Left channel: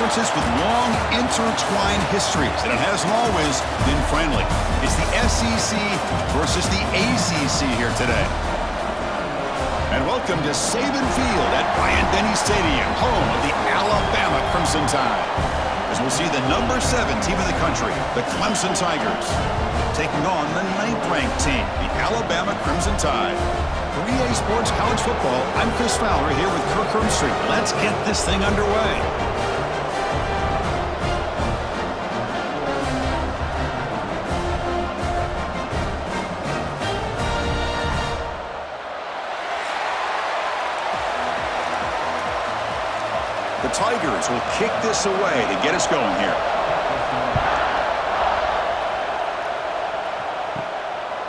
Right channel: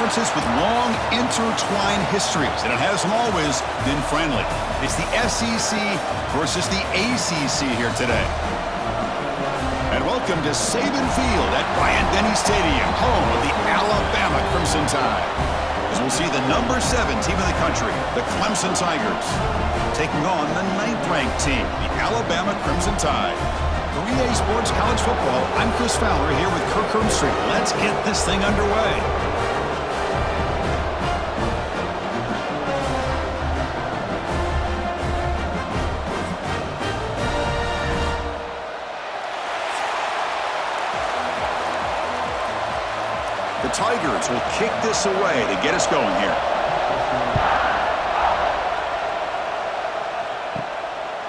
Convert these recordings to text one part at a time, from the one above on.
conferences with long, intertwined histories, and it hasn't always been friendly. It's the SEC versus the ACC here today. And welcome to Saban Field at Bryant-Denny Stadium, home of the Alabama Crimson Tide. As we'll see the number 7 team in the country, the Clemson Tigers, taking on the 9th-ranked team, the Alabama Crimson Tide. For EA Sports College Football, I'm Chris Fowler here with Kirk Hermstreet. Let's get this thing underway. The Tigers will kick this away to get us going here.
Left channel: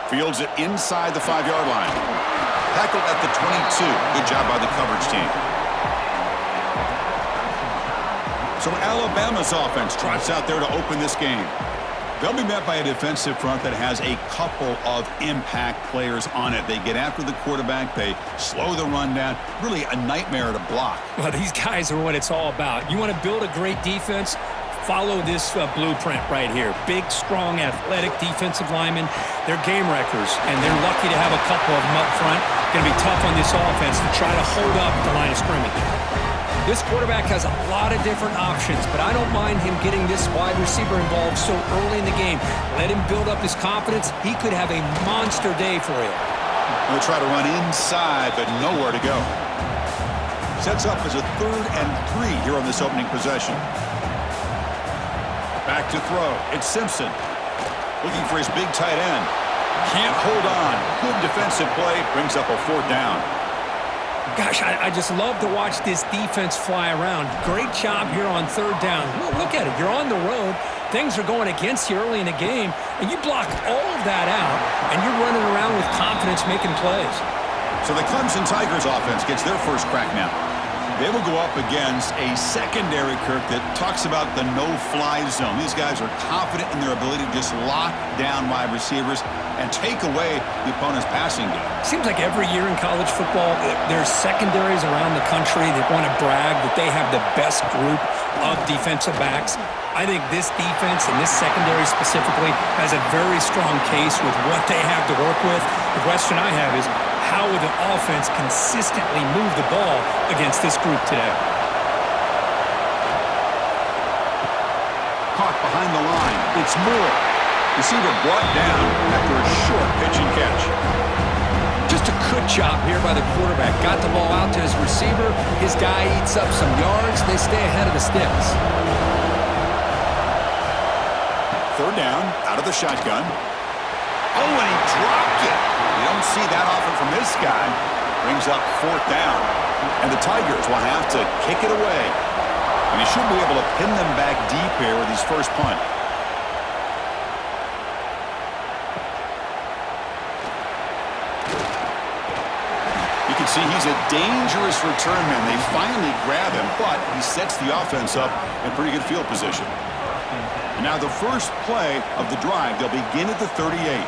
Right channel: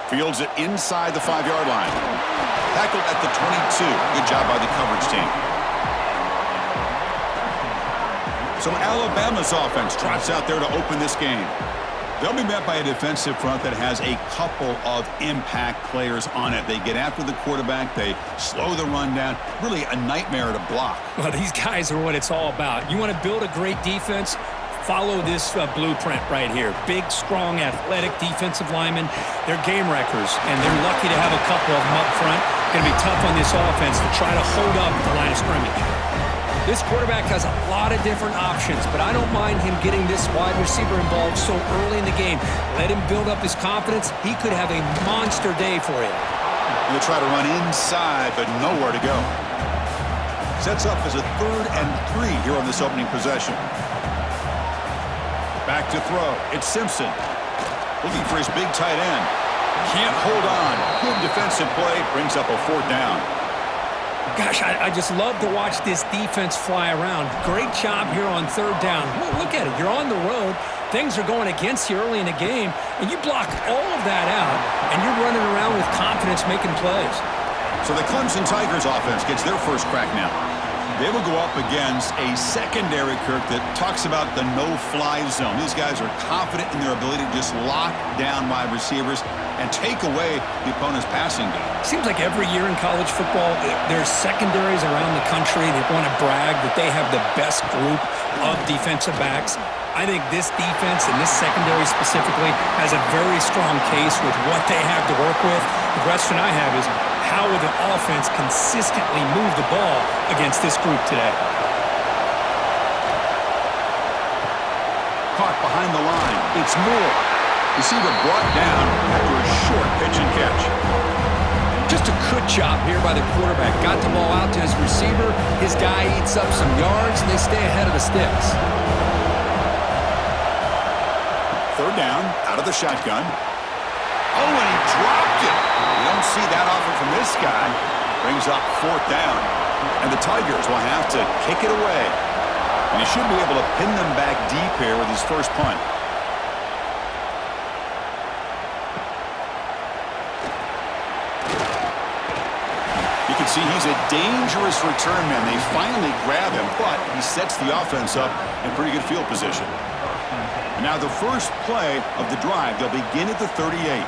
Fields it inside the 5-yard line. Tackled at the 22. Good job by the coverage team. So Alabama's offense trots out there to open this game. They'll be met by a defensive front that has a couple of impact players on it. They get after the quarterback. They slow the run down. Really a nightmare to block. Well, these guys are what it's all about. You want to build a great defense? Follow this blueprint right here. Big, strong, athletic defensive linemen. They're game wreckers, and they're lucky to have a couple of them up front. Going to be tough on this offense to try to hold up at the line of scrimmage. This quarterback has a lot of different options, but I don't mind him getting this wide receiver involved so early in the game. Let him build up his confidence. He could have a monster day for you. They'll try to run inside, but nowhere to go. Sets up as a 3rd and 3 here on this opening possession. Back to throw. It's Simpson. Looking for his big tight end. Can't hold on. Good defensive play. Brings up a 4th down. Gosh, I just love to watch this defense fly around. Great job here on 3rd down. Look at it. You're on the road. Things are going against you early in the game, and you block all of that out, and you're running around with confidence making plays. So the Clemson Tigers offense gets their first crack now. They will go up against a secondary, Kirk, that talks about the no-fly zone. These guys are confident in their ability to just lock down wide receivers and take away the opponent's passing game. Seems like every year in college football, there's secondaries around the country that want to brag that they have the best group of defensive backs. I think this defense and this secondary specifically has a very strong case with what they have to work with. The question I have is, how will the offense consistently move the ball against this group today? Caught behind the line. It's Moore. Receiver brought down after a short pitch and catch. Just a good job here by the quarterback. Got the ball out to his receiver. His guy eats up some yards. They stay ahead of the sticks. 3rd down, out of the shotgun. Oh, and he dropped it. You don't see that often from this guy. Brings up 4th down. And the Tigers will have to kick it away. And he should be able to pin them back deep here with his first punt. You can see he's a dangerous return man. They finally grab him, but he sets the offense up in pretty good field position. And now the first play of the drive, they'll begin at the 38.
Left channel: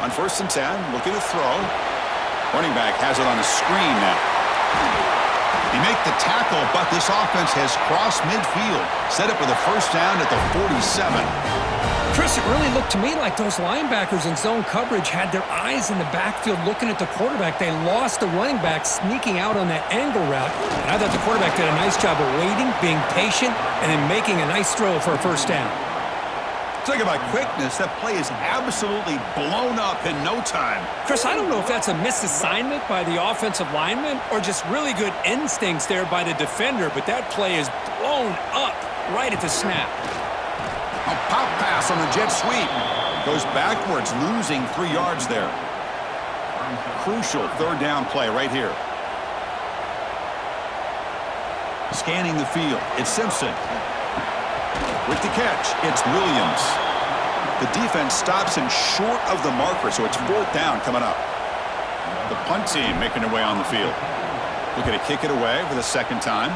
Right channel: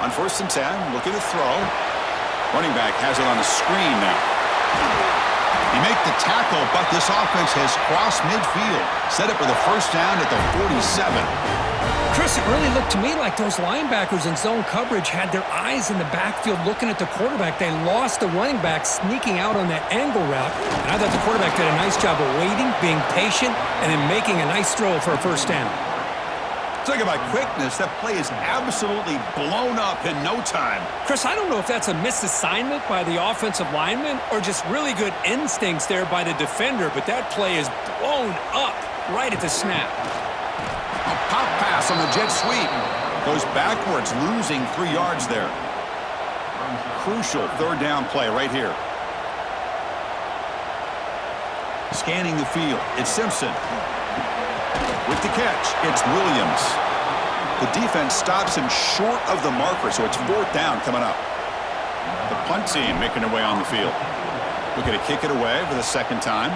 On 1st and 10, looking to throw. Running back has it on a screen now. They make the tackle, but this offense has crossed midfield. Set up with a 1st down at the 47. Chris, it really looked to me like those linebackers in zone coverage had their eyes in the backfield looking at the quarterback. They lost the running back sneaking out on that angle route. And I thought the quarterback did a nice job of waiting, being patient, and then making a nice throw for a 1st down. Talk about quickness. That play is absolutely blown up in no time. Chris, I don't know if that's a misassignment by the offensive lineman or just really good instincts there by the defender, but that play is blown up right at the snap. A pop pass on the jet sweep. Goes backwards, losing 3 yards there. Crucial 3rd down play right here. Scanning the field. It's Simpson. With the catch, it's Williams. The defense stops him short of the marker, so it's 4th down coming up. The punt team making their way on the field. Looking to kick it away for the 2nd time.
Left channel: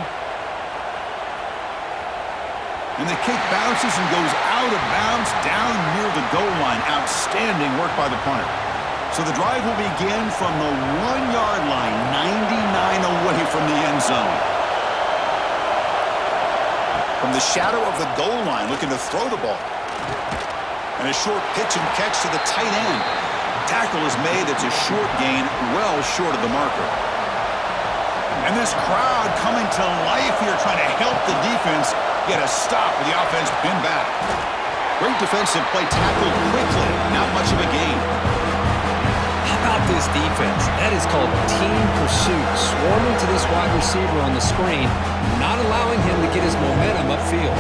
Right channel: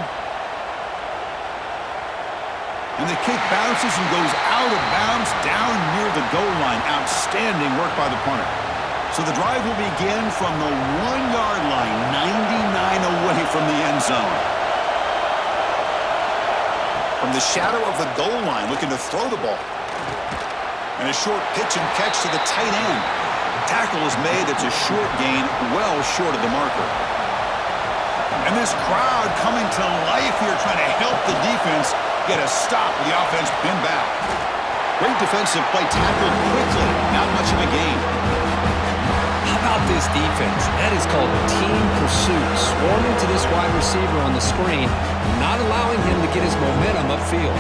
And the kick bounces and goes out of bounds down near the goal line. Outstanding work by the punter. So the drive will begin from the 1-yard line, 99 away from the end zone. From the shadow of the goal line, looking to throw the ball. And a short pitch and catch to the tight end. Tackle is made. It's a short gain, well short of the marker. And this crowd coming to life here, trying to help the defense get a stop with the offense pinned back. Great defensive play, tackled quickly. Not much of a gain. How about this defense? That is called team pursuit. Swarming to this wide receiver on the screen, not allowing him to get his momentum upfield.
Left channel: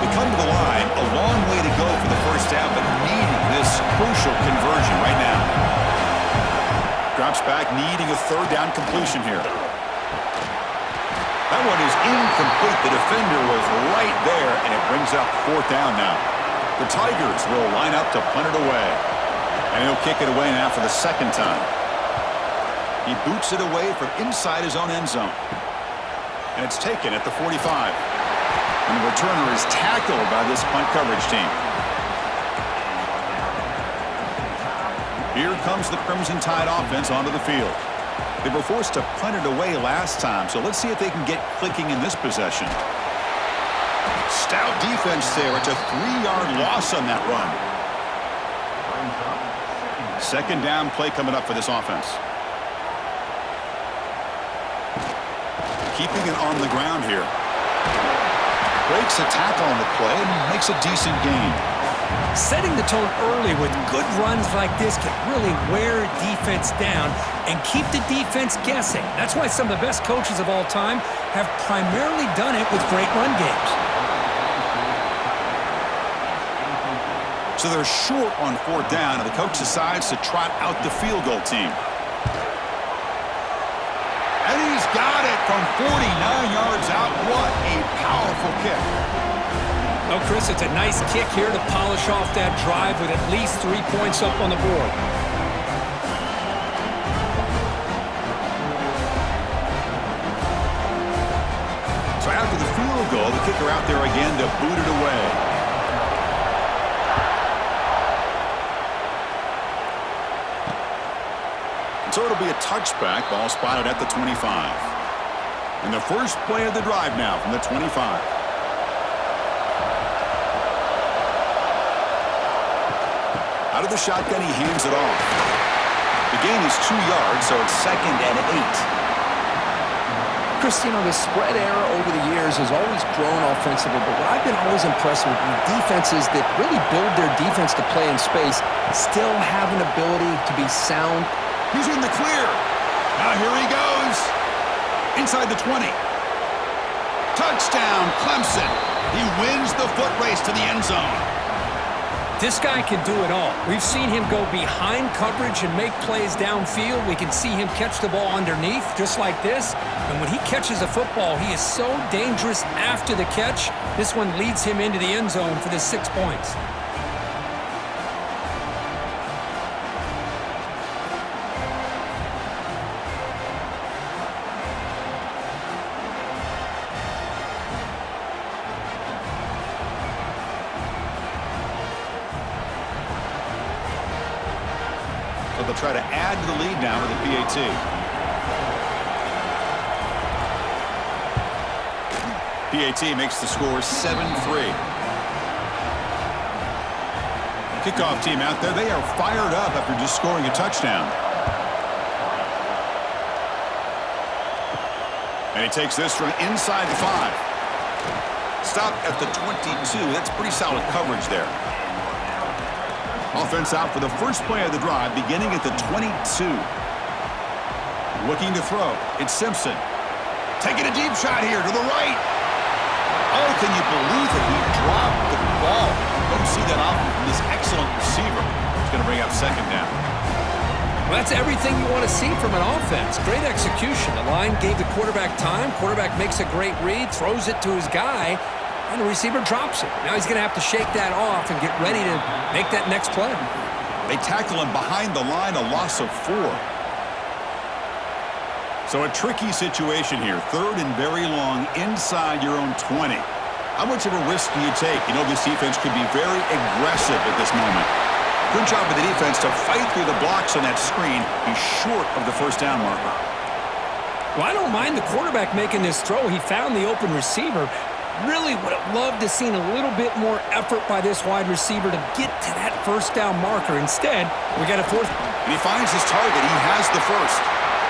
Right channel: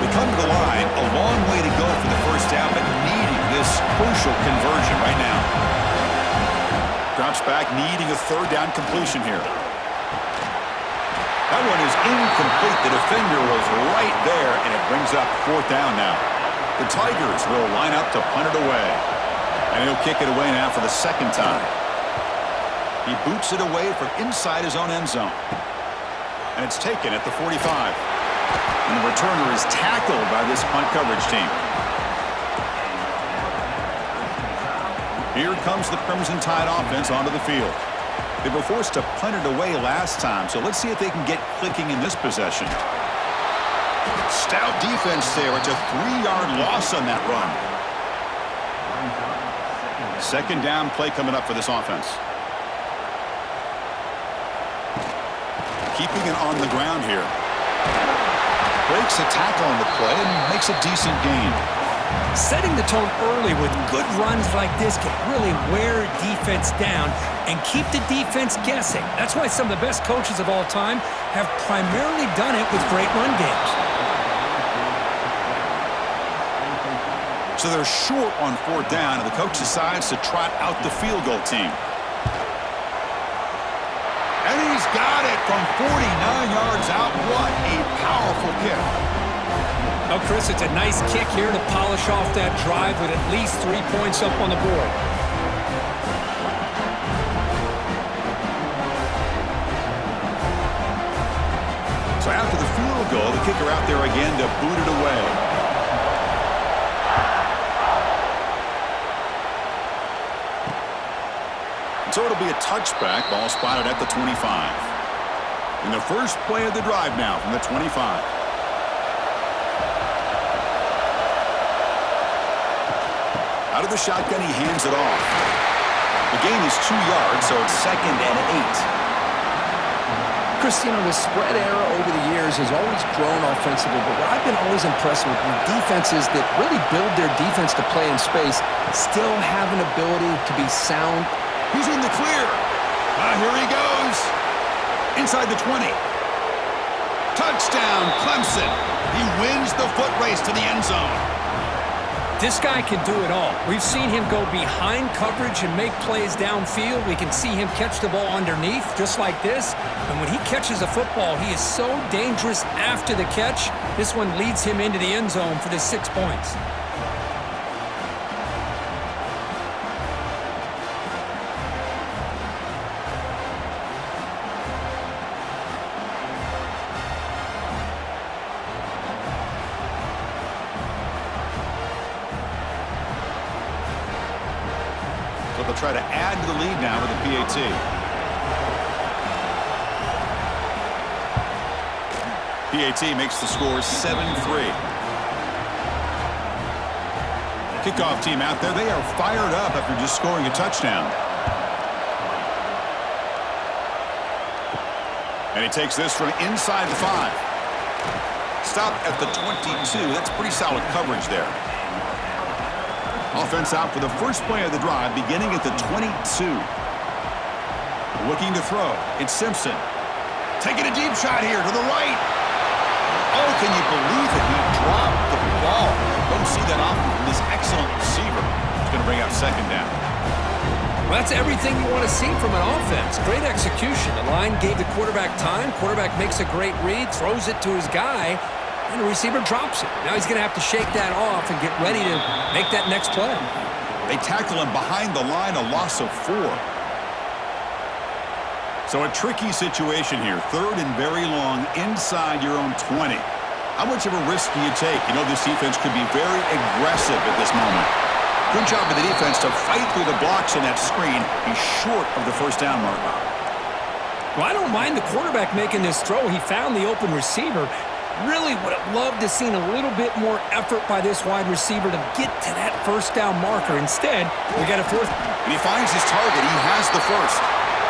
They come to the line, a long way to go for the first down, but needing this crucial conversion right now. Drops back, needing a third down completion here. That one is incomplete. The defender was right there, and it brings up fourth down now. The Tigers will line up to punt it away. And he'll kick it away now for the second time. He boots it away from inside his own end zone. And it's taken at the 45. And the returner is tackled by this punt coverage team. Here comes the Crimson Tide offense onto the field. They were forced to punt it away last time, so let's see if they can get clicking in this possession. Stout defense there. It's a 3-yard loss on that run. Second down play coming up for this offense. Keeping it on the ground here. Breaks a tackle on the play and makes a decent gain. Setting the tone early with good runs like this can really wear a defense down and keep the defense guessing. That's why some of the best coaches of all time have primarily done it with great run games. So they're short on fourth down, and the coach decides to trot out the field goal team. And he's got it from 49 yards out. What a powerful kick. Oh, Chris, it's a nice kick here to polish off that drive with at least 3 points up on the board. So after the field goal, the kicker out there again to boot it away. So it'll be a touchback, ball spotted at the 25. And the first play of the drive now from the 25. Out of the shotgun, he hands it off. The gain is 2 yards, so it's 2nd and 8. Chris, you know, the spread era over the years has always grown offensively, but what I've been always impressed with defenses that really build their defense to play in space still have an ability to be sound. He's in the clear. Now here he goes. Inside the 20. Touchdown, Clemson. He wins the foot race to the end zone. This guy can do it all. We've seen him go behind coverage and make plays downfield. We can see him catch the ball underneath, just like this. And when he catches a football, he is so dangerous after the catch. This one leads him into the end zone for the 6 points. So they'll try to add to the lead now with the PAT. PAT makes the score 7-3. Kickoff team out there. They are fired up after just scoring a touchdown. And he takes this from inside the 5. Stopped at the 22. That's pretty solid coverage there. Offense out for the first play of the drive, beginning at the 22. Looking to throw. It's Simpson. Taking a deep shot here to the right. Oh, can you believe it? He dropped the ball. Don't see that often from this excellent receiver. He's going to bring up second down. Well, that's everything you want to see from an offense. Great execution. The line gave the quarterback time. Quarterback makes a great read, throws it to his guy, and the receiver drops it. Now he's going to have to shake that off and get ready to make that next play. They tackle him behind the line, a loss of 4. So a tricky situation here. 3rd and very long inside your own 20. How much of a risk do you take? You know this defense could be very aggressive at this moment. Good job of the defense to fight through the blocks on that screen. He's short of the first down marker. Well, I don't mind the quarterback making this throw. He found the open receiver. Really would have loved to seen a little bit more effort by this wide receiver to get to that first down marker. Instead, we got a fourth. And he finds his target. He has the first.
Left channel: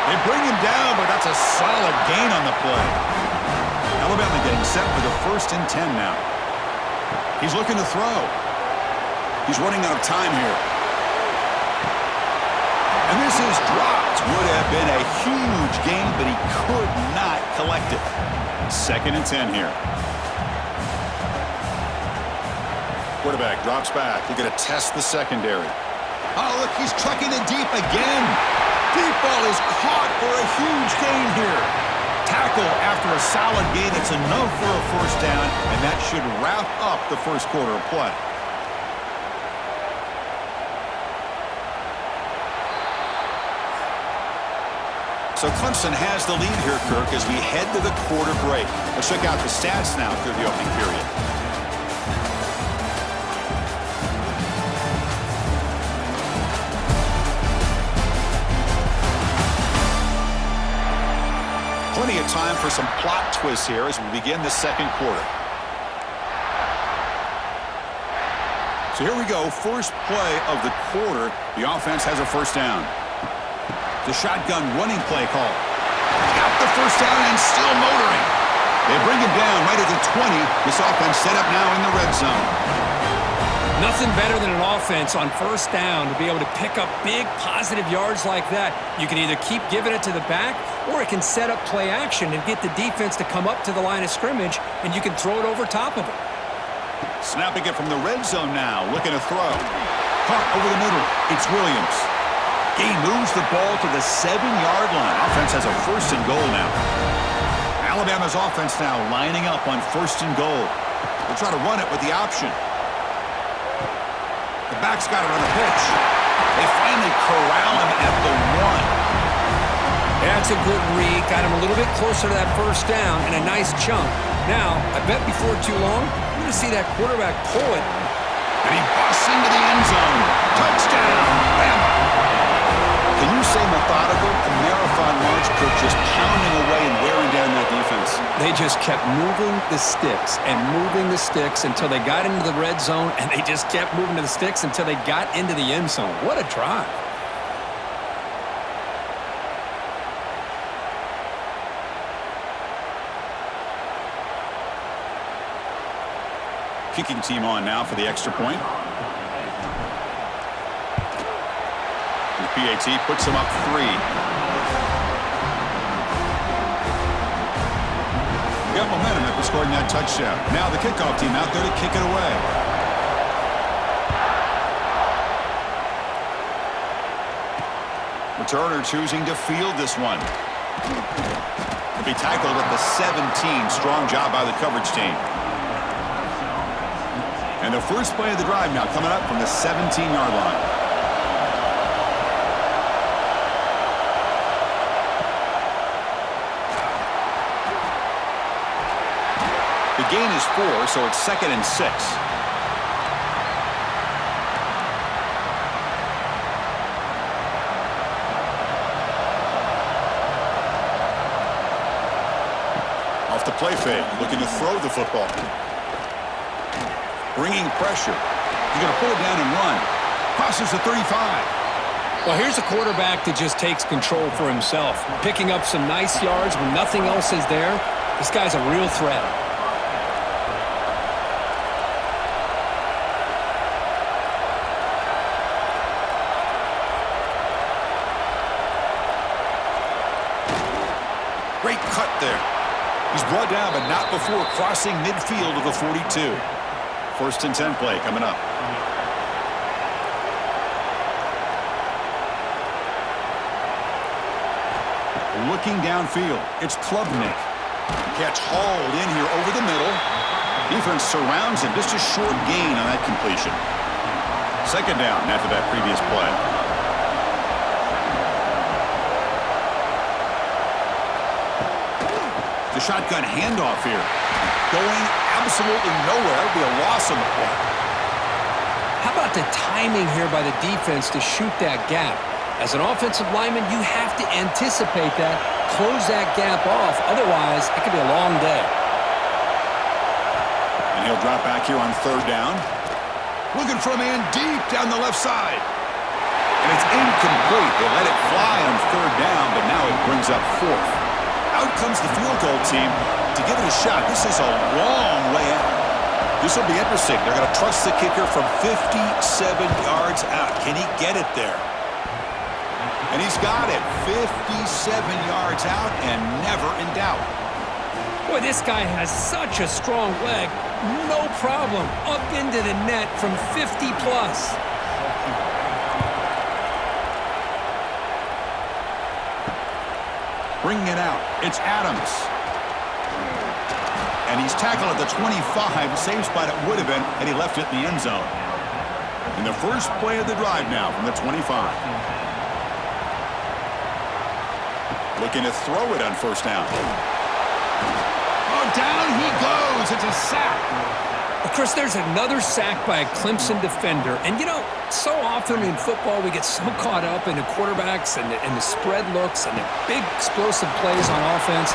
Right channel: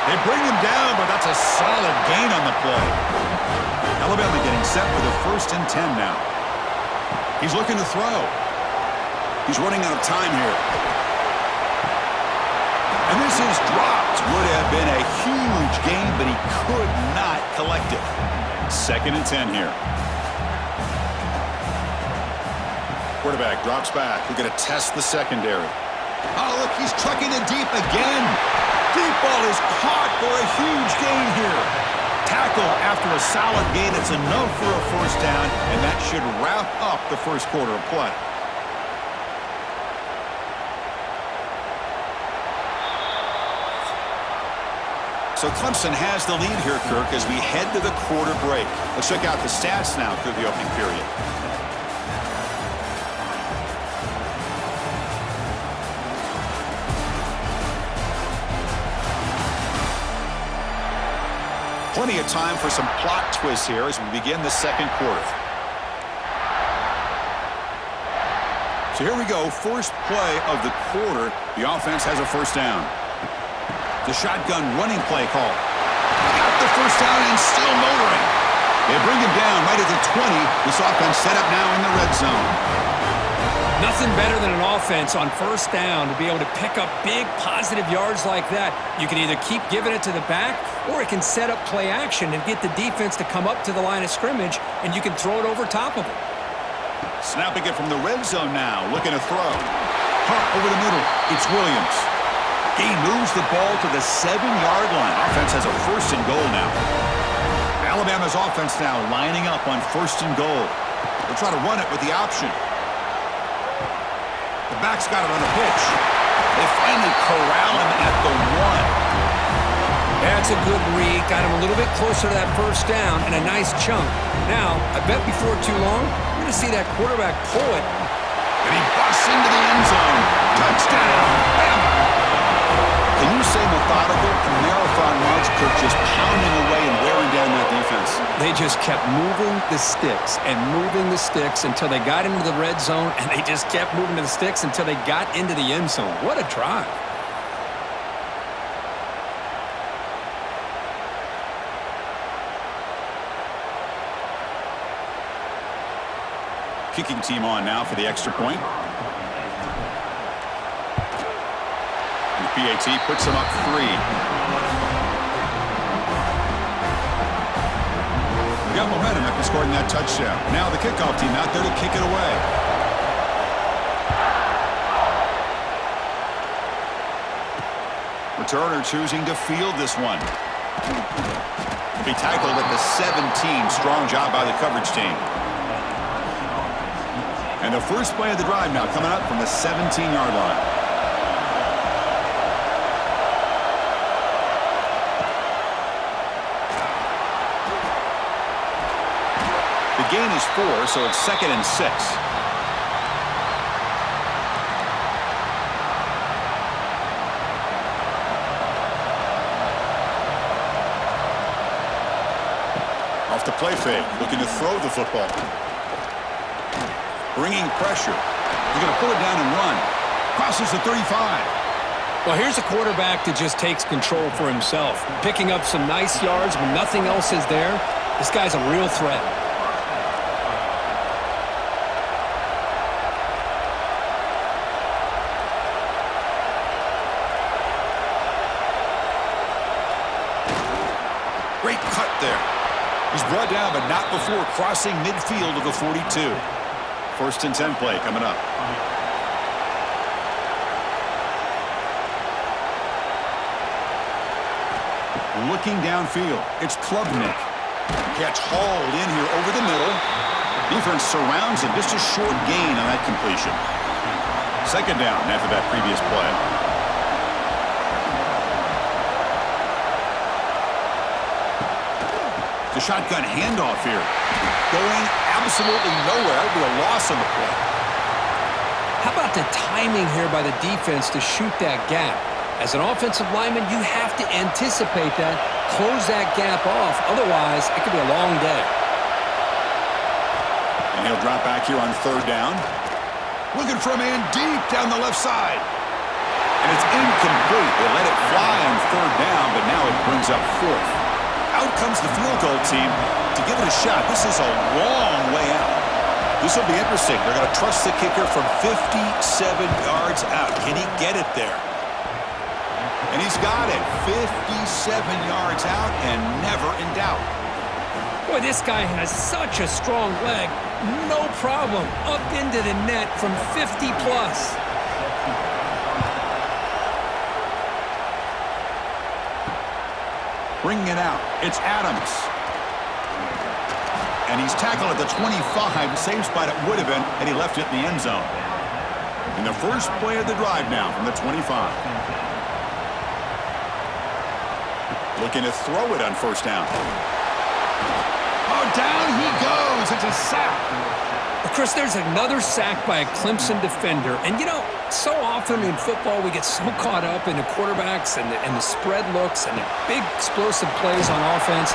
They bring him down, but that's a solid gain on the play. Alabama getting set with a 1st and 10 now. He's looking to throw. He's running out of time here. And this is dropped. Would have been a huge gain, but he could not collect it. 2nd and 10 here. Quarterback drops back. We're going to test the secondary. Oh, look, he's trucking it deep again. Deep ball is caught for a huge gain here. Tackle after a solid gain. It's enough for a 1st down, and that should wrap up the first quarter of play. So Clemson has the lead here, Kirk, as we head to the quarter break. Let's check out the stats now through the opening period. Plenty of time for some plot twists here as we begin the second quarter. So here we go, first play of the quarter. The offense has a 1st down. The shotgun running play call. Got the 1st down and still motoring. They bring him down right at the 20. This offense set up now in the red zone. Nothing better than an offense on 1st down to be able to pick up big positive yards like that. You can either keep giving it to the back, or it can set up play action and get the defense to come up to the line of scrimmage, and you can throw it over top of them. Snapping it from the red zone now, looking to throw. Caught over the middle. It's Williams. He moves the ball to the 7-yard line. Offense has a 1st and goal now. Alabama's offense now lining up on 1st and goal. They'll try to run it with the option. The back's got it on the pitch. They finally corral him at the 1. That's a good read. Got him a little bit closer to that 1st down and a nice chunk. Now, I bet before too long, you're going to see that quarterback pull it. And he busts into the end zone. Touchdown, Bama. Can you say methodical? A marathon march, Kirk, just pounding away and wearing down that defense. They just kept moving the sticks and moving the sticks until they got into the red zone, and they just kept moving to the sticks until they got into the end zone. What a drive. Kicking team on now for the extra point. And the PAT puts them up 3. We got momentum after scoring that touchdown. Now the kickoff team out there to kick it away. Returner choosing to field this one. He'll be tackled at the 17. Strong job by the coverage team. And the first play of the drive now coming up from the 17-yard line. The gain is 4, so it's 2nd and 6. Off the play fake, looking to throw the football. Bringing pressure. He's going to pull it down and run. Crosses the 35. Well, here's a quarterback that just takes control for himself, picking up some nice yards when nothing else is there. This guy's a real threat. Great cut there. He's brought down, but not before crossing midfield of the 42. 1st and 10 play coming up. Looking downfield, it's Klubnik. Catch hauled in here over the middle. Defense surrounds him. Just a short gain on that completion. 2nd down after that previous play. The shotgun handoff here. Going absolutely nowhere. It'll be a loss on the play. How about the timing here by the defense to shoot that gap? As an offensive lineman, you have to anticipate that close that gap off. Otherwise, it could be a long day. And he'll drop back here on third down. Looking for a man deep down the left side. And it's incomplete. They let it fly on third down, but now it brings up fourth. Out comes the field goal team to give it a shot. This is a long way out. This will be interesting. They're going to trust the kicker from 57 yards out. Can he get it there? And he's got it. 57 yards out and never in doubt. Boy, this guy has such a strong leg. No problem. Up into the net from 50 plus. Bringing it out. It's Adams. And he's tackled at the 25. Same spot it would have been had he left it in the end zone. In the first play of the drive now from the 25. Looking to throw it on first down. Oh, down he goes. It's a sack. Well, Chris, there's another sack by a Clemson defender. And, you know, so often in football we get so caught up in the quarterbacks and the spread looks and the big explosive plays on offense.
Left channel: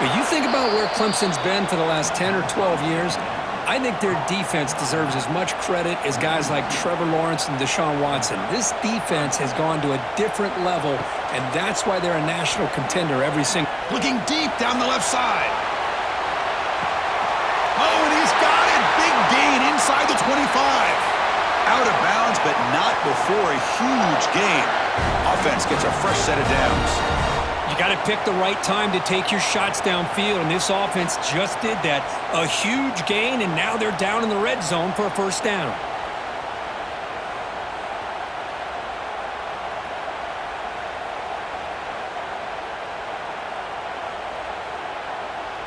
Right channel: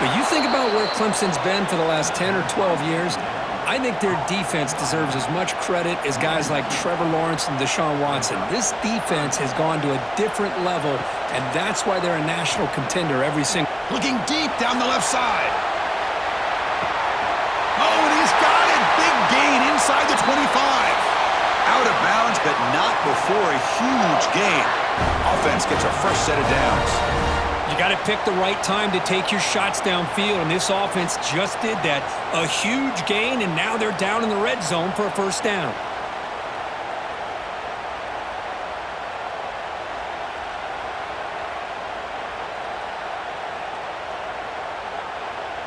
But you think about where Clemson's been for the last 10 or 12 years, I think their defense deserves as much credit as guys like Trevor Lawrence and Deshaun Watson. This defense has gone to a different level, and that's why they're a national contender every single. Looking deep down the left side. Oh, and he's got it. Big gain inside the 25. Out of bounds, but not before a huge gain. Offense gets a fresh set of downs. You got to pick the right time to take your shots downfield, and this offense just did that. A huge gain, and now they're down in the red zone for a first down.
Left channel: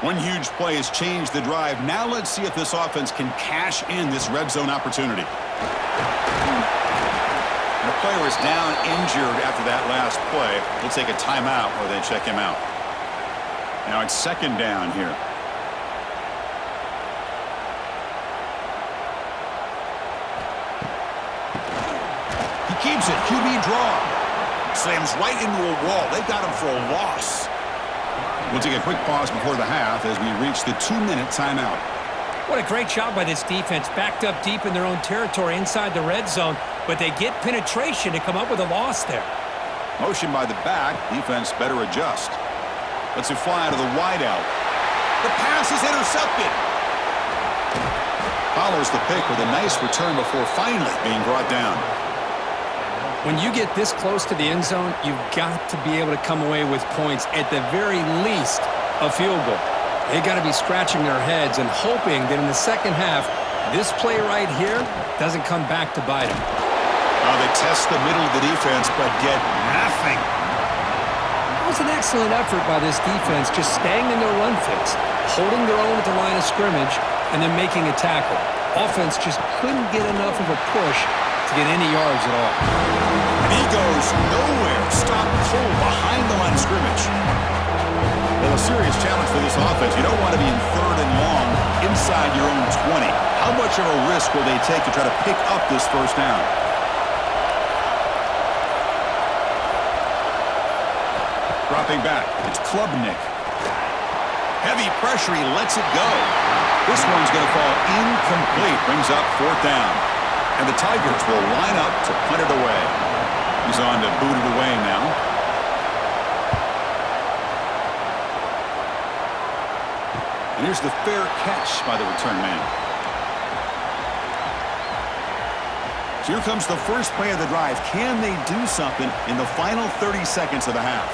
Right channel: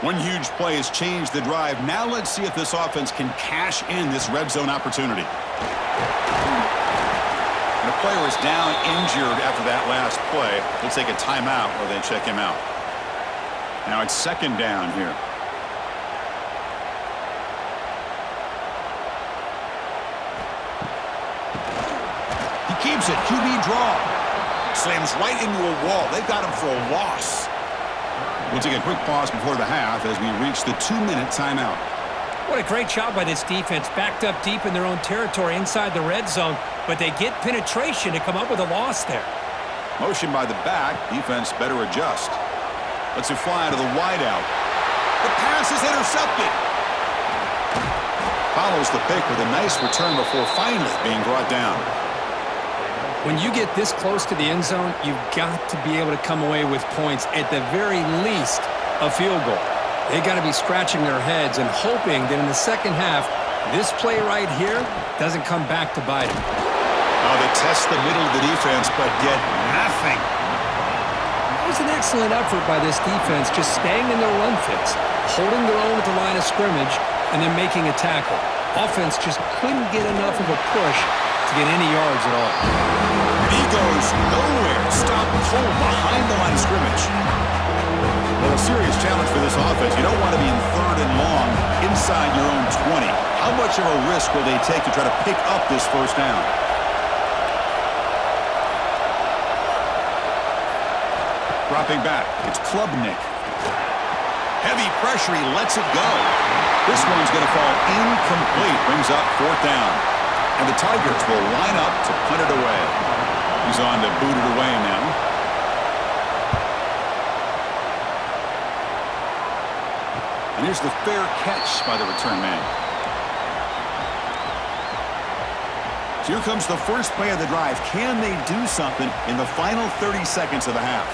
One huge play has changed the drive. Now let's see if this offense can cash in this red zone opportunity. And a player is down injured after that last play. We'll take a timeout while they check him out. Now it's second down here. He keeps it. QB draw. Slams right into a wall. They've got him for a loss. We'll take a quick pause before the half as we reach the 2-minute timeout. What a great job by this defense. Backed up deep in their own territory inside the red zone, but they get penetration to come up with a loss there. Motion by the back. Defense better adjust. Lets it fly out of the wideout. The pass is intercepted. Follows the pick with a nice return before finally being brought down. When you get this close to the end zone, you've got to be able to come away with points, at the very least, a field goal. They got to be scratching their heads and hoping that in the second half, this play right here doesn't come back to bite them. They test the middle of the defense, but get nothing. It was an excellent effort by this defense, just staying in their run fits, holding their own at the line of scrimmage, and then making a tackle. Offense just couldn't get enough of a push to get any yards at all. And he goes nowhere. Stop cold behind the line of scrimmage. Well, a serious challenge for this offense. You don't want to be in third and long inside your own 20. How much of a risk will they take to try to pick up this first down? Dropping back, it's Klubnik. Heavy pressure, he lets it go. This one's going to fall incomplete, brings up fourth down. And the Tigers will line up to punt it away. He's on to boot it away now. And here's the fair catch by the return man. So here comes the first play of the drive. Can they do something in the final 30 seconds of the half?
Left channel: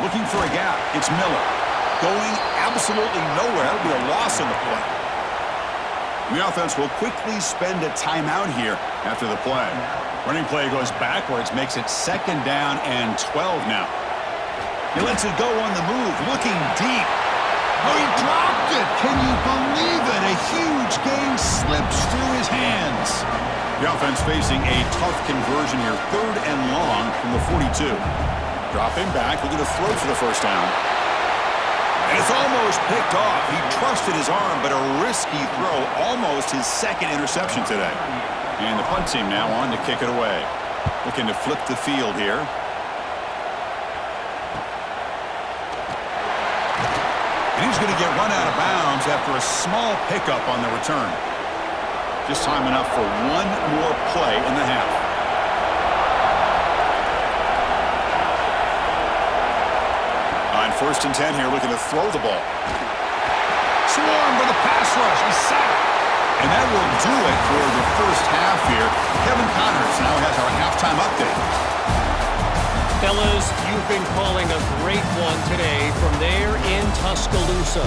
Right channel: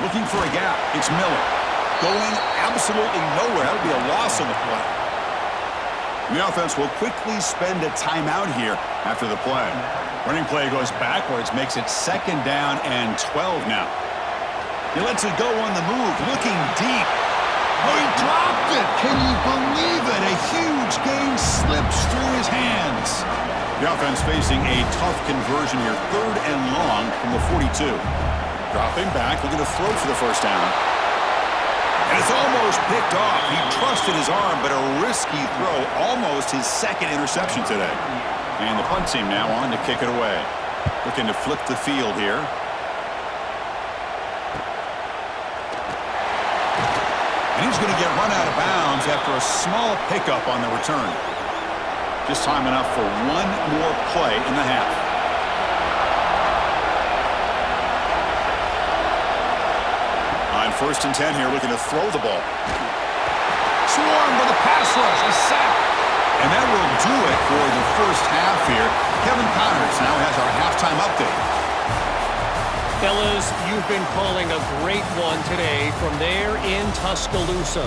Looking for a gap. It's Miller. Going absolutely nowhere. That would be a loss on the play. The offense will quickly spend a timeout here after the play. Running play goes backwards, makes it second down and 12 now. He lets it go on the move, looking deep. Oh, he dropped it. Can you believe it? A huge gain slips through his hands. The offense facing a tough conversion here, third and long from the 42. Dropping back, looking to throw for the first down. And it's almost picked off. He trusted his arm, but a risky throw, almost his second interception today. And the punt team now on to kick it away. Looking to flip the field here. And he's going to get run out of bounds after a small pickup on the return. Just time enough for one more play in the half. On 1st and 10 here, looking to throw the ball. Swarm with a pass rush, a sack. And that will do it for the first half here. Kevin Connors now has our halftime update. Fellas, you've been calling a great one today from there in Tuscaloosa.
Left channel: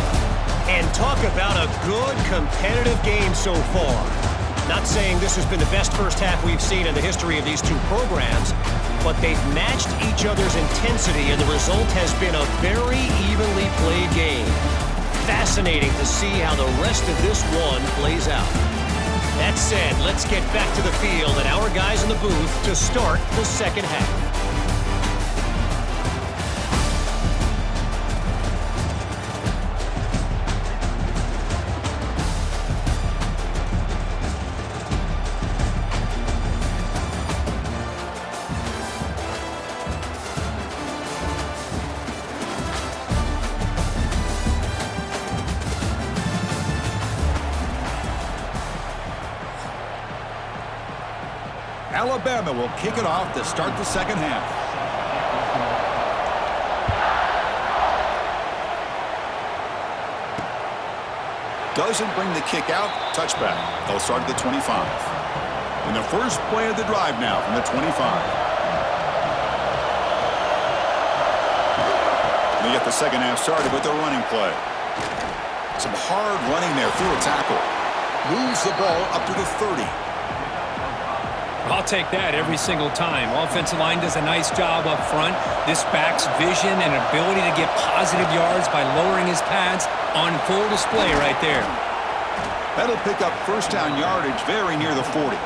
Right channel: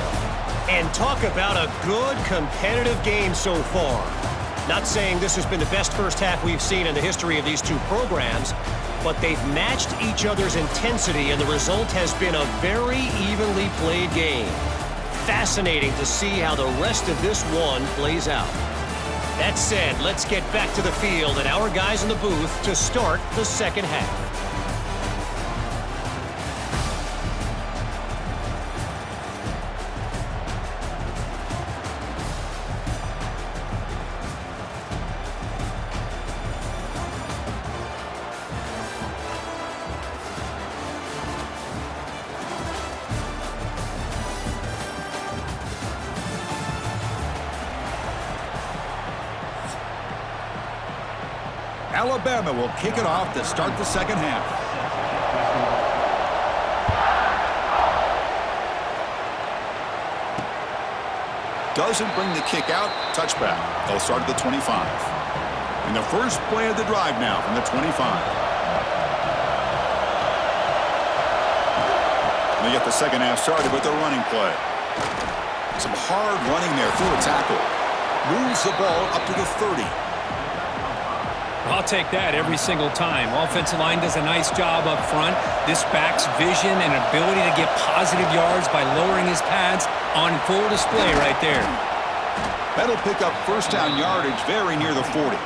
And talk about a good competitive game so far. Not saying this has been the best first half we've seen in the history of these two programs, but they've matched each other's intensity, and the result has been a very evenly played game. Fascinating to see how the rest of this one plays out. That said, let's get back to the field and our guys in the booth to start the second half. Alabama will kick it off to start the second half. Doesn't bring the kick out. Touchback. They'll start at the 25. And the first play of the drive now from the 25. They get the second half started with the running play. Some hard running there through a tackle. Moves the ball up to the 30. I'll take that every single time. Offensive line does a nice job up front. This back's vision and ability to get positive yards by lowering his pads on full display right there. That'll pick up first down yardage very near the 40.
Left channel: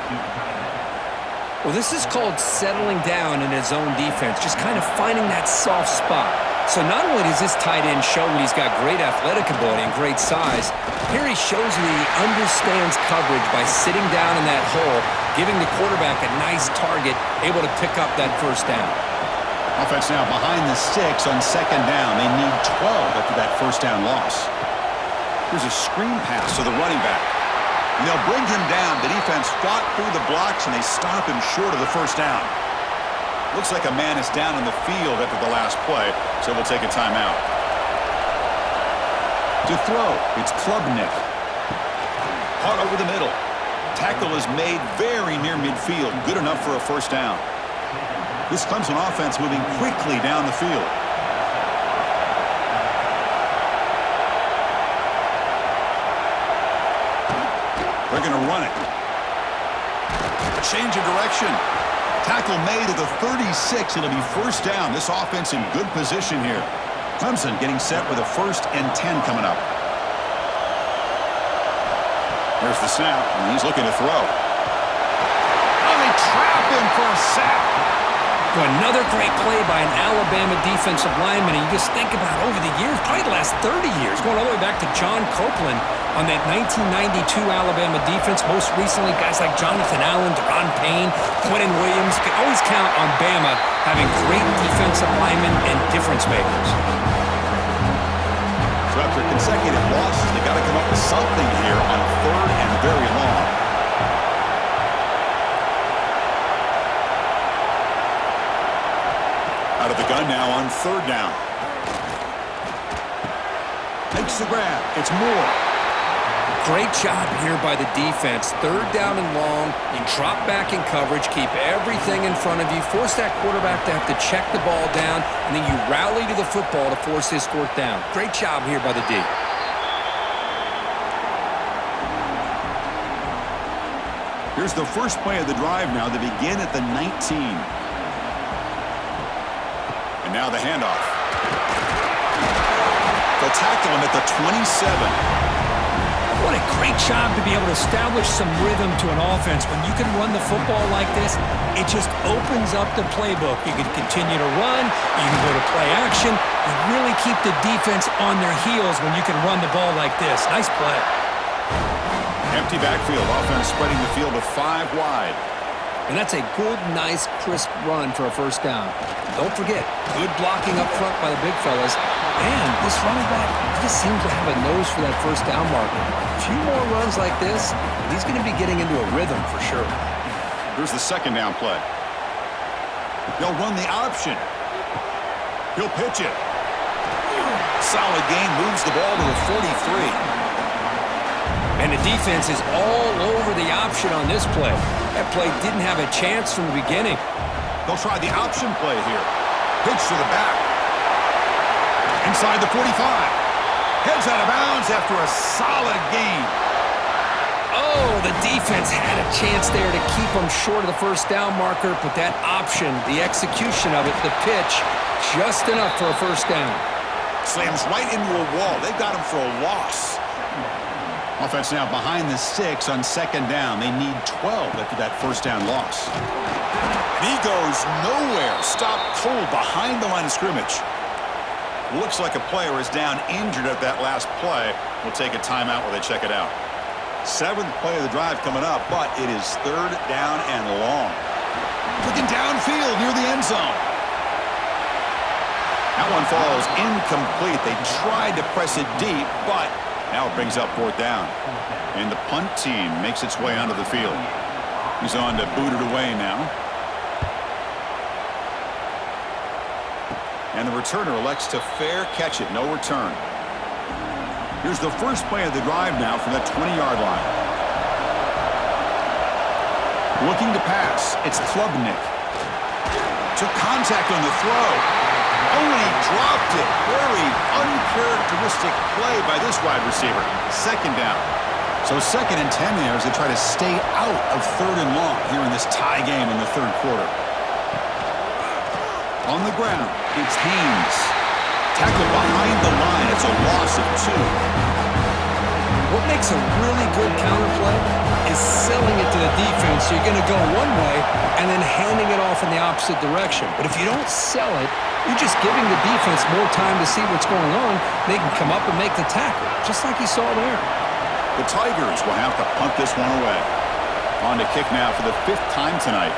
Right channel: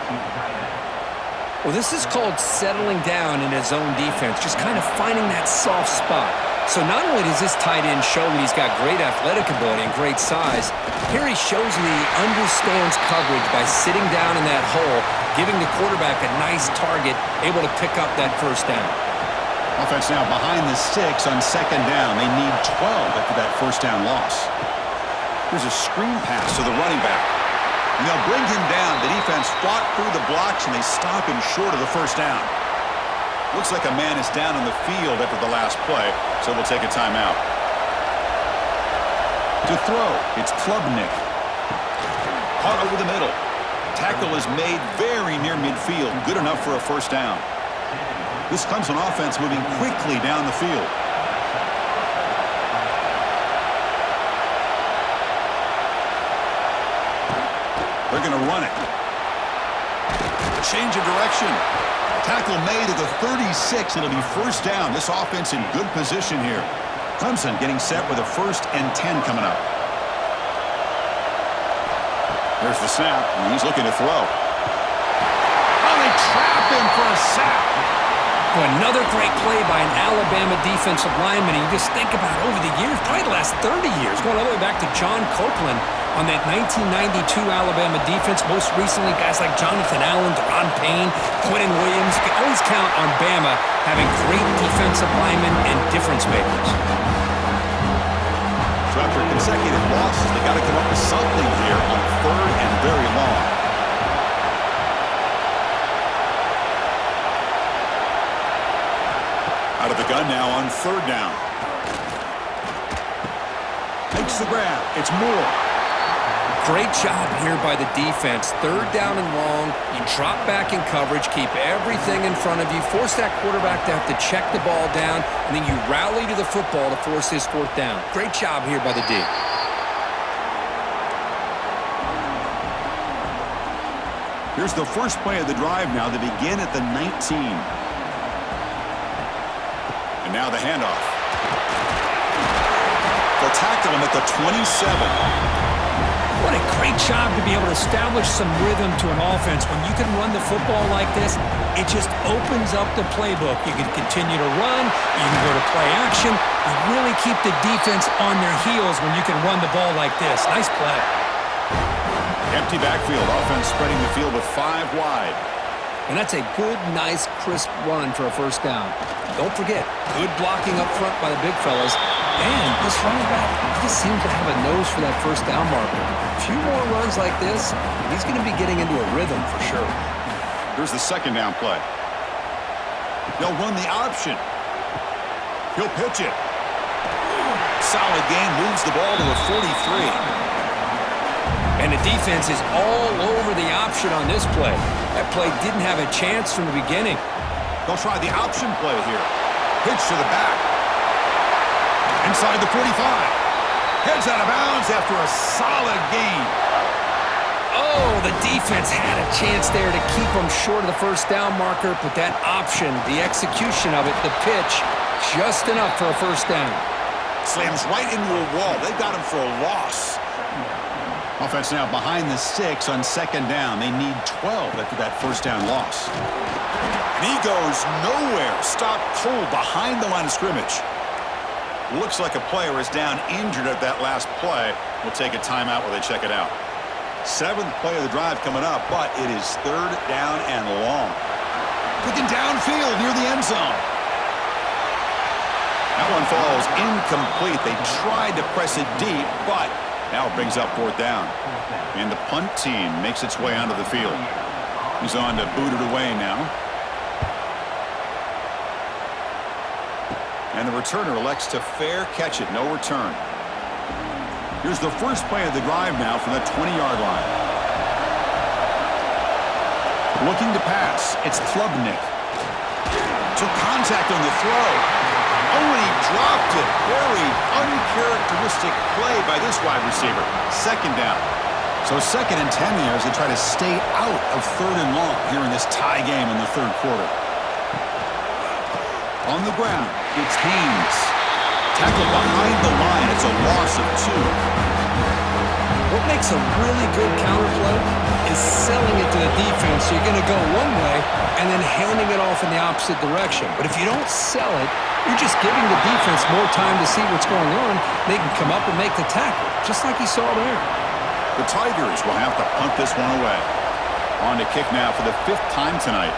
Well, this is called settling down in his own defense, just kind of finding that soft spot. So not only does this tight end show that he's got great athletic ability and great size, here he shows that he understands coverage by sitting down in that hole, giving the quarterback a nice target, able to pick up that first down. Offense now behind the sticks on second down. They need 12 after that first down loss. Here's a screen pass to the running back. And they'll bring him down. The defense fought through the blocks, and they stop him short of the first down. Looks like a man is down on the field after the last play, so we'll take a timeout. To throw, it's Klubnik. Caught over the middle. Tackle is made very near midfield. Good enough for a first down. This Clemson offense moving quickly down the field. They're going to run it. A change of direction. Tackle made at the 36. It'll be first down. This offense in good position here. Clemson getting set with a 1st and 10 coming up. Here's the snap, and he's looking to throw. Oh, they trap him for a sack. Well, another great play by an Alabama defensive lineman. And you just think about over the years, probably the last 30 years, going all the way back to John Copeland on that 1992 Alabama defense. Most recently, guys like Jonathan Allen, Deron Payne, Quentin Williams. You can always count on Bama having great defensive linemen and difference makers. So after consecutive losses, they got to come up with something here on 3rd and very long. Out of the gun now on 3rd down. Makes the grab. It's Moore. Great job here by the defense. 3rd down and long. You drop back in coverage, keep everything in front of you, force that quarterback to have to check the ball down, and then you rally to the football to force his 4th down. Great job here by the D. Here's the first play of the drive now. They begin at the 19. And now the handoff. They'll tackle him at the 27. What a great job to be able to establish some rhythm to an offense. When you can run the football like this, it just opens up the playbook. You can continue to run. You can go to play action. You really keep the defense on their heels when you can run the ball like this. Nice play. Empty backfield. Offense spreading the field with 5 wide. And that's a good, nice, crisp run for a first down. Don't forget, good blocking up front by the big fellas. And this running back, he just seems to have a nose for that first down marker. A few more runs like this, and he's going to be getting into a rhythm for sure. Here's the second down play. They'll run the option. He'll pitch it. Solid gain, moves the ball to the 43. And the defense is all over the option on this play. That play didn't have a chance from the beginning. They'll try the option play here. Pitch to the back. Inside the 45. Heads out of bounds after a solid gain. Oh, the defense had a chance there to keep them short of the first down marker, but that option, the execution of it, the pitch, just enough for a first down. Slams right into a wall. They've got him for a loss. Offense now behind the 6 on second down. They need 12 after that first down loss. And he goes nowhere. Stopped cold behind the line of scrimmage. Looks like a player is down injured at that last play. We'll take a timeout while they check it out. 7th play of the drive coming up, but it is third down and long. Looking downfield near the end zone. That one falls incomplete. They tried to press it deep, but now it brings up fourth down. And the punt team makes its way onto the field. He's on to boot it away now. And the returner elects to fair catch it. No return. Here's the first play of the drive now from that 20-yard line. Looking to pass. It's Klubnik. Took contact on the throw. Oh, and he dropped it. Very uncharacteristic play by this wide receiver. Second down. So 2nd and 10 here as they try to stay out of 3rd and long here in this tie game in the 3rd quarter. On the ground, it's Haynes. Tackled behind the line. It's a loss of 2. What makes a really good counter play is selling it to the defense. So you're going to go one way and then handing it off in the opposite direction. But if you don't sell it, you're just giving the defense more time to see what's going on. They can come up and make the tackle, just like you saw there. The Tigers will have to punt this one away. On to kick now for the 5th time tonight.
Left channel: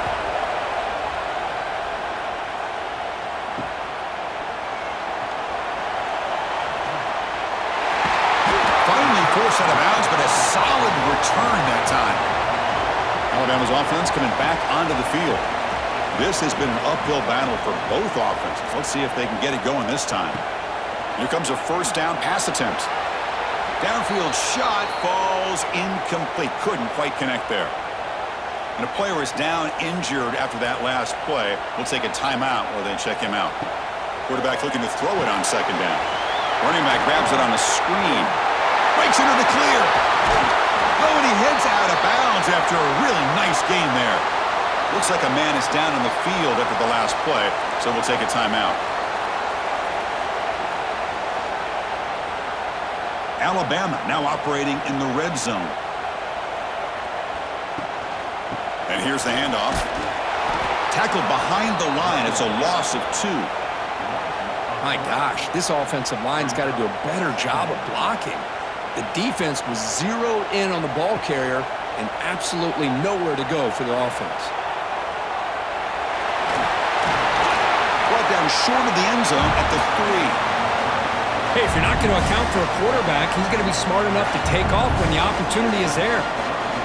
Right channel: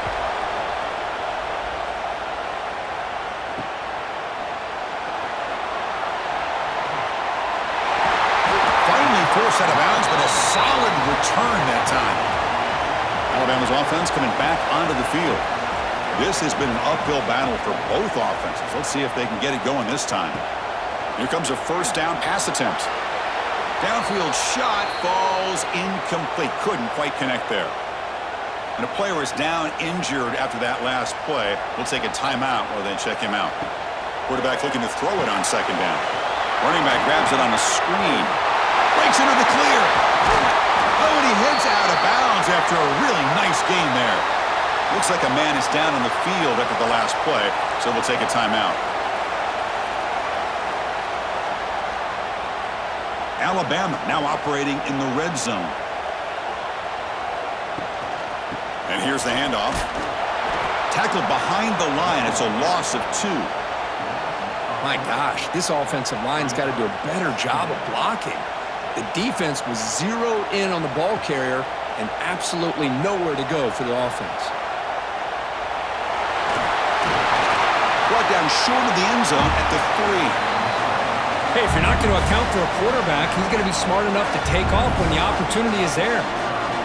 Finally forced out of bounds, but a solid return that time. Alabama's offense coming back onto the field. This has been an uphill battle for both offenses. Let's see if they can get it going this time. Here comes a first down pass attempt. Downfield shot falls incomplete. Couldn't quite connect there. And a player is down injured after that last play. We'll take a timeout while they check him out. Quarterback looking to throw it on second down. Running back grabs it on a screen. Breaks into the clear. Oh, and he heads out of bounds after a really nice gain there. Looks like a man is down in the field after the last play, so we'll take a timeout. Alabama now operating in the red zone. And here's the handoff. Tackled behind the line. It's a loss of 2. My gosh, this offensive line's got to do a better job of blocking. The defense was zeroed in on the ball carrier and absolutely nowhere to go for the offense. Brought down short of the end zone at the 3. Hey, if you're not going to account for a quarterback, he's going to be smart enough to take off when the opportunity is there.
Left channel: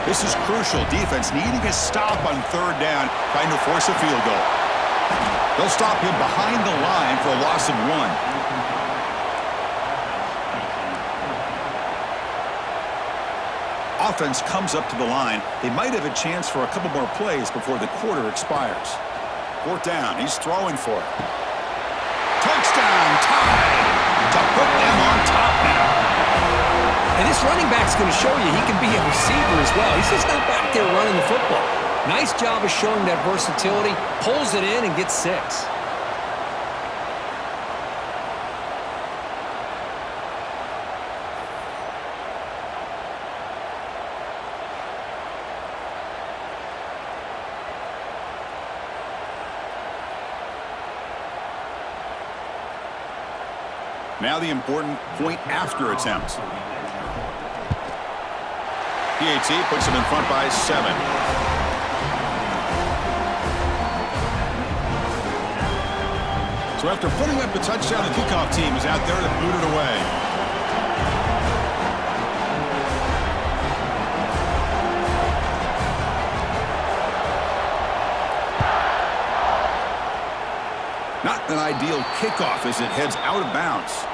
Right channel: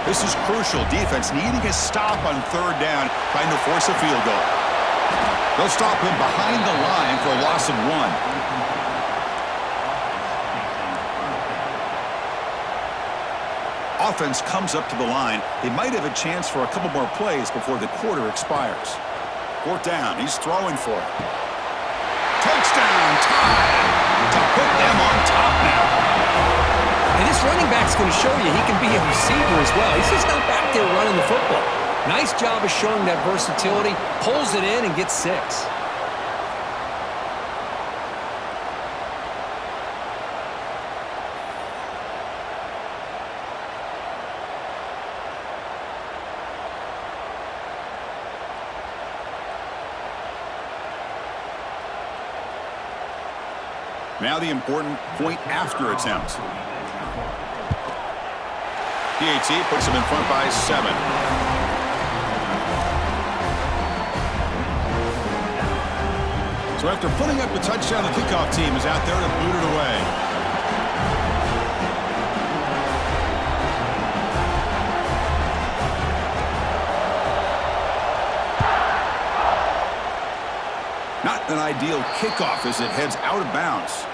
This is crucial. Defense needing a stop on 3rd down, trying to force a field goal. They'll stop him behind the line for a loss of 1. Offense comes up to the line. They might have a chance for a couple more plays before the quarter expires. 4th down. He's throwing for it. Touchdown tie to put them on top now. And this running back's going to show you he can be a receiver as well. He's just not back there running the football. Nice job of showing that versatility. Pulls it in and gets 6. Now the important point after attempt. PAT puts him in front by 7. So after putting up the touchdown, the kickoff team is out there to boot it away. Not an ideal kickoff as it heads out of bounds.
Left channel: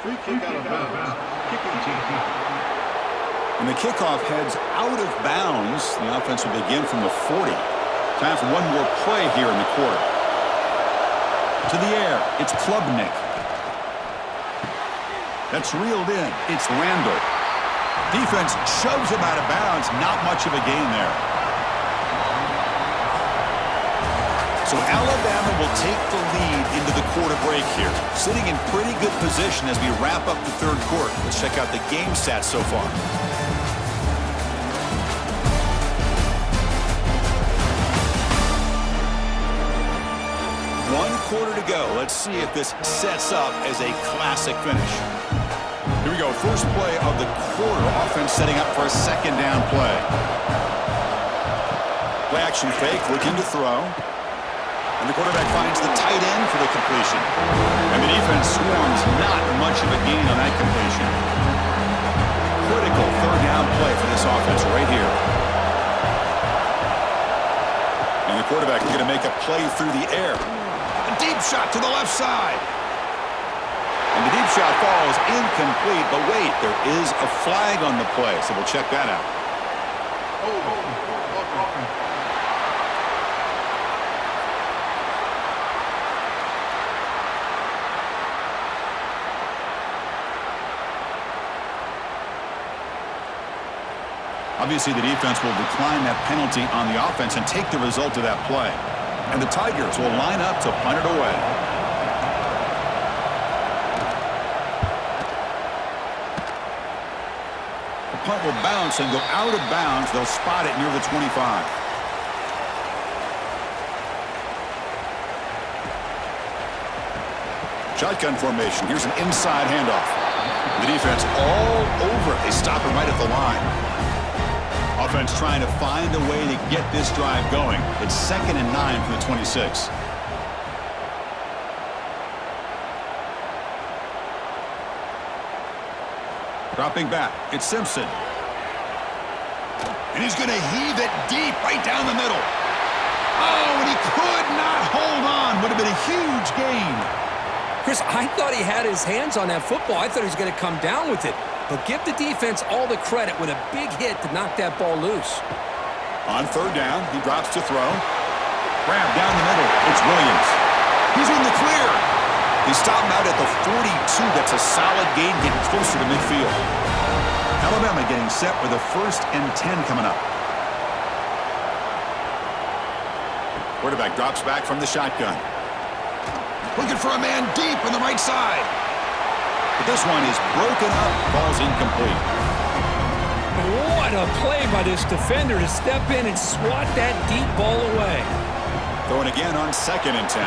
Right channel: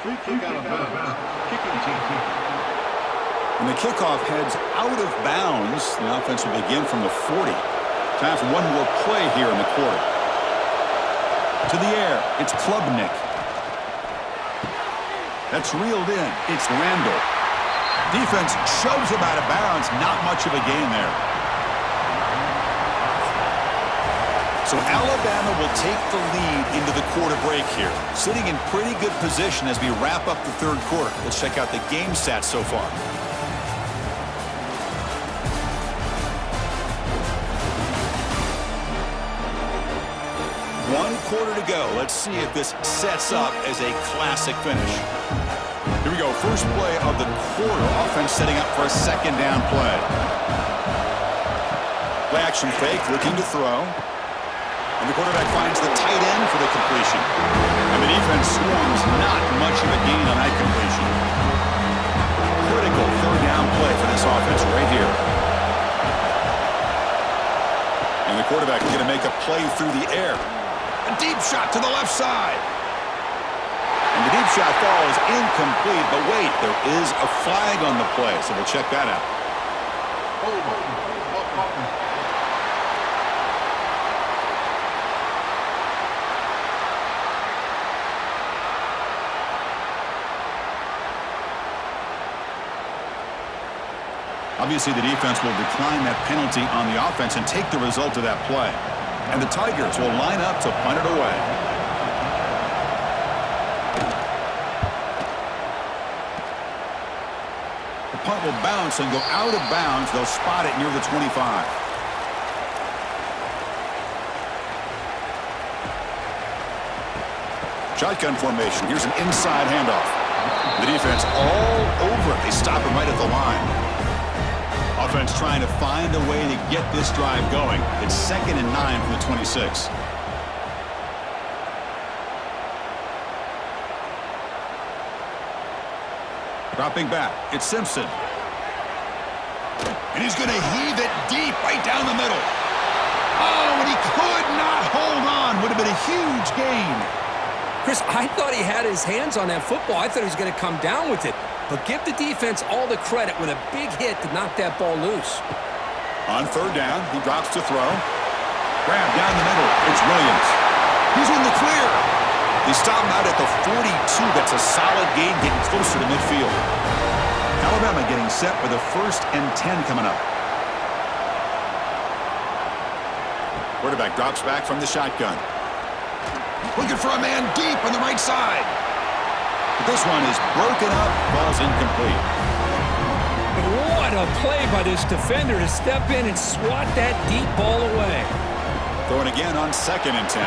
Free kick out of bounds. Kicking team. And the kickoff heads out of bounds. The offense will begin from the 40. Time for one more play here in the quarter. To the air, it's Klubnik. That's reeled in. It's Randall. Defense shoves him out of bounds. Not much of a gain there. So Alabama will take the lead into the quarter break here. Sitting in pretty good position as we wrap up the third quarter. Let's check out the game stats so far. One quarter to go. Let's see if this sets up as a classic finish. Here we go. First play of the quarter. Offense setting up for a second down play. Play action fake, looking to throw. And the quarterback finds the tight end for the completion. And the defense swarms, not much of a gain on that completion. Critical third down play for this offense right here. And the quarterback is going to make a play through the air. A deep shot to the left side. And the deep shot falls incomplete, but wait, there is a flag on the play, so we'll check that out. Obviously, the defense will decline that penalty on the offense and take the result of that play. And the Tigers will line up to punt it away. The punt will bounce and go out of bounds. They'll spot it near the 25. Shotgun formation. Here's an inside handoff. The defense all over it. They stop him right at the line. Offense trying to find a way to get this drive going. It's 2nd and 9 from the 26. Dropping back, it's Simpson. And he's going to heave it deep right down the middle. Oh, and he could not hold on. Would have been a huge gain. Chris, I thought he had his hands on that football. I thought he was going to come down with it. But give the defense all the credit with a big hit to knock that ball loose. On third down, he drops to throw. Grab down the middle. It's Williams. He's in the clear. They stop him out at the 42. That's a solid gain, getting closer to midfield. Alabama getting set with a 1st and 10 coming up. Quarterback drops back from the shotgun. Looking for a man deep on the right side. But this one is broken up, falls incomplete. What a play by this defender to step in and swat that deep ball away. Throwing again on 2nd and 10.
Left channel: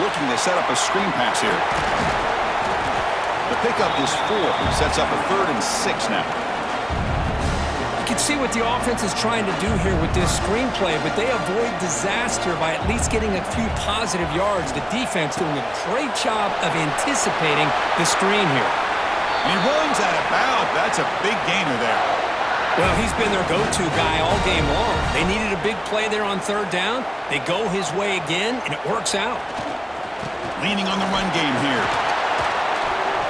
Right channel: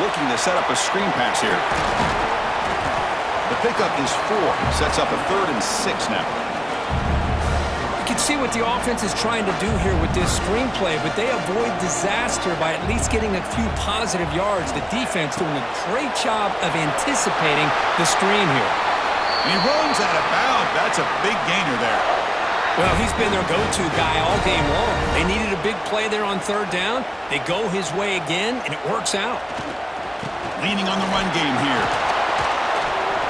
Looking to set up a screen pass here. The pickup is 4. Sets up a 3rd and 6 now. You can see what the offense is trying to do here with this screenplay, but they avoid disaster by at least getting a few positive yards. The defense doing a great job of anticipating the screen here. And he runs out of bounds. That's a big gainer there. Well, he's been their go-to guy all game long. They needed a big play there on third down. They go his way again, and it works out. Leaning on the run game here.